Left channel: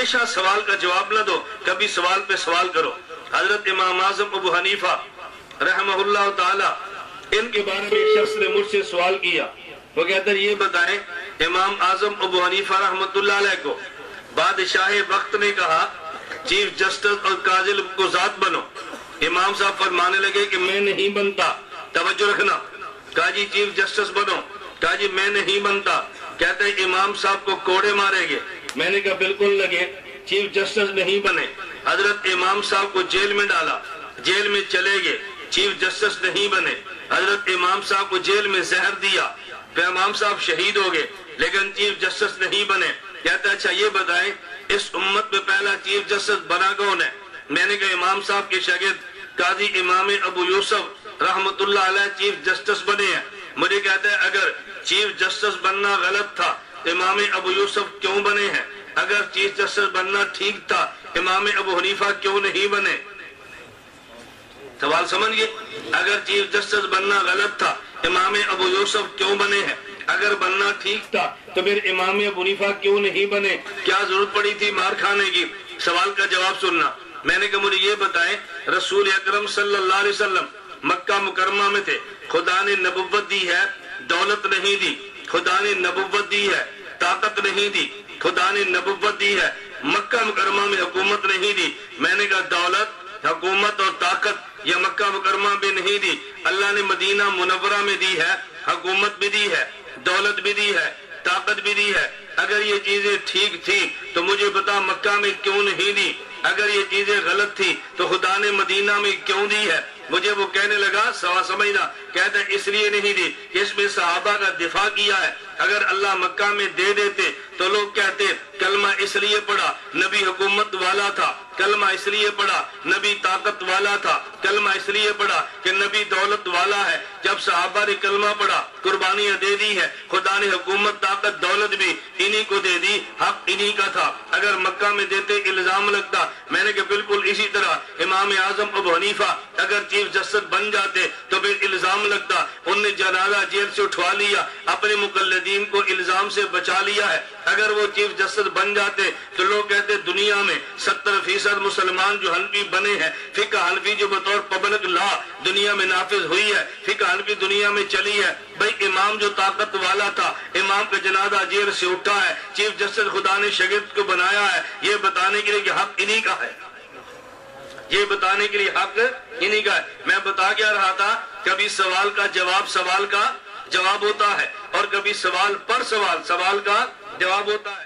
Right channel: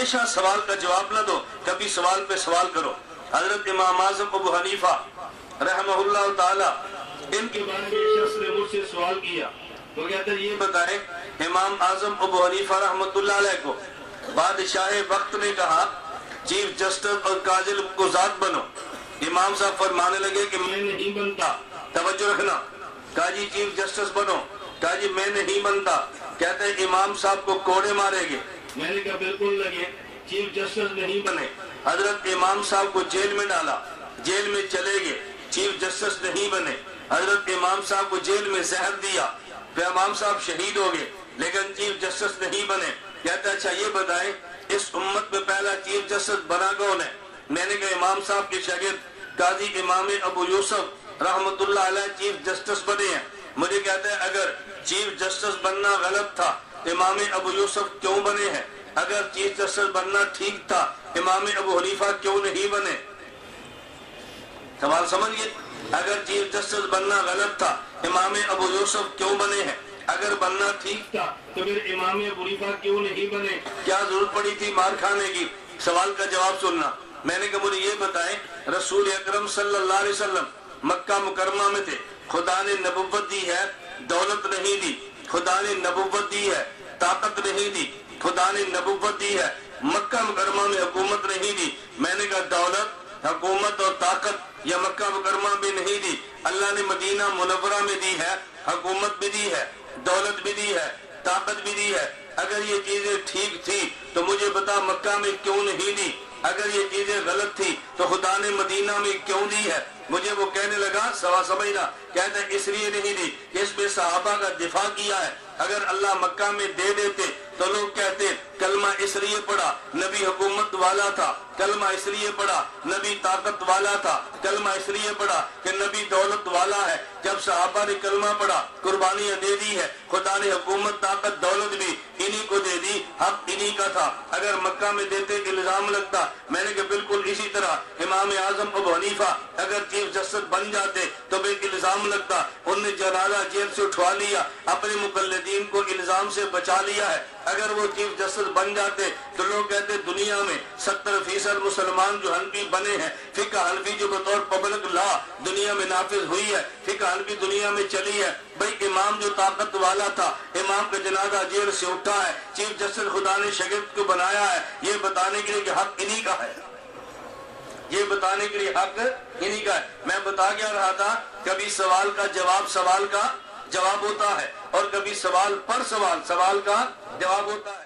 ہمیشہ سوال کا جواب نہ دو، کبھی سوال پہ سوال کرو۔ حضرت امام اعظم ابو حنیفہ رحمہ اللہ تعالی، ان کے بارے میں ایک شخص نے مجھ سے سوال کیا، وہ کہتا ہے یہ بتائیں امام اعظم ابو حنیفہ رحمۃ اللہ علیہ کو بادشاہ وقت نے کہا چیف جسٹس اور قاضی کو ذات بنو، امام صاحب فرمانے لگے کہ میں نہیں بنتا، توجہ رکھنا، کہا جی چیف جسٹس بنو، کہا جی میں نہیں بنتا، کہتے ہیں امام صاحب کو کوڑے مارے گے، میں نے کہا بالکل لگے، چیف جسٹس نہیں بنے، حضرت امام صاحب کو جیل میں ڈالا، جیل میں چلے گئے، چیف جسٹس نہیں بنے، حضرت امام صاحب کو جیل میں زہر دیا، پھر امام صاحب شہید ہو گئے لیکن چیف جسٹس نہیں بنے۔ کہتا ہے اچھا یہ بتائیں اس امت میں پہلا چیف جسٹس بنا کون ہے؟ میں نے کہا امام صاحب کے شاگرد قاضی امام ابو یوسف رحمۃ اللہ علیہ چیف جسٹس بنے ہیں۔ مجھے کہتا ہے اگر چیف جسٹس بننا غلط تھا امام ابو یوسف کیوں بنے ہیں؟ اگر چیف جسٹس بننا ٹھیک تھا امام ابو حنیفہ کیوں نہیں بنے؟ سوال سمجھ گئے؟ اگر چیف جسٹس بننا غلط تھا امام ابو یوسف کیوں بنے ہیں؟ اگر بننا ٹھیک تھا تو پھر امام ابو حنیفہ کیوں نہیں بنے؟ کیا ضرورت پڑی تھی مار کھانے کی؟ سوال کا جواب سننا۔ میں نے کہا مجھے یہ بتائیں رسول اکرم صلی اللہ علیہ وسلم مکہ مکرمہ میں تھے، خدا نے نبوت دی ہے، دولت نہیں دی، خدا نے نبوت دی ہے، طاقت نہیں دی، خدا نے نبوت دی ہے، مکہ مکرمہ میں حکومت نہیں دی۔ میں نے کہا دولت، حکومت اور طاقت یہ مکہ مکرمہ میں نہیں دی، اللہ نے مدینہ منورہ میں دی ہے، حکومت بھی دی ہے، دولت بھی دی ہے، طاقت بھی دی ہے۔ اگر یہ چیزیں ٹھیک تھی تو مجھے بتا مکہ میں کیوں نہیں دی؟ اگر یہ چیزیں غلط تھی تو خدا نے مدینہ میں کیوں دی ہے؟ مجھے وہ کہنے لگا سوا سمجھنا، کہتے ہیں اس لیے نہیں دی کہ اس میں صحابہ کا دفاع کیا ہے، اگر اللہ مکہ میں دے دیتے تو لوگ کہتے کلمہ اس لیے پڑھا نبی حکومت والا تھا، کلمہ اس لیے پڑھا نبی طاقت والا تھا، کلمہ اس لیے پڑھا کہ نبی دولت والا ہے۔ جب صحابہ نے کلمہ پڑھا قربانیاں دے دی ہے، خدا نے حکومت طاقت دولت بھی انہی کو دے دی، حق انہی کا تھا۔ اگر مکہ میں دیتے الزام لگتا، میں نے کہا بالکل اسی طرح امام اعظم ابو حنیفہ اگر چیف جسٹس بن جاتے تو پھر الزام لگتا، انہوں نے جنازہ جیل سے اٹھوا لیا، اپنے مقلدین کو الزام سے بچا لیا ہے۔ اگر وہ چیف جسٹس بن جاتے تو لوگ کہتے دنیا میں 70% مسلمان جو حنفی بنے ہیں، فقہ حنفی جو بطور پبلک لا دنیا میں نافذ ہوئی ہے، فقہ حنفی دنیا میں چلی ہے، بھئی امام جو طاقت والا تھا، امام کا جنازہ جیل سے اٹھا ہے، چیف جسٹس خدا نے شاگرد کو بنایا ہے، یہ بتانے کے لیے کہ حق انہی کا ہے، یہ بتانے کے لیے حق انہی کا ہے۔ میں بتا کیا رہا تھا، کبھی سوال کا جواب سوال کا جواب ہوتا ہے اور کبھی سوال پر سوال سوال کا جواب ہوتا ہے۔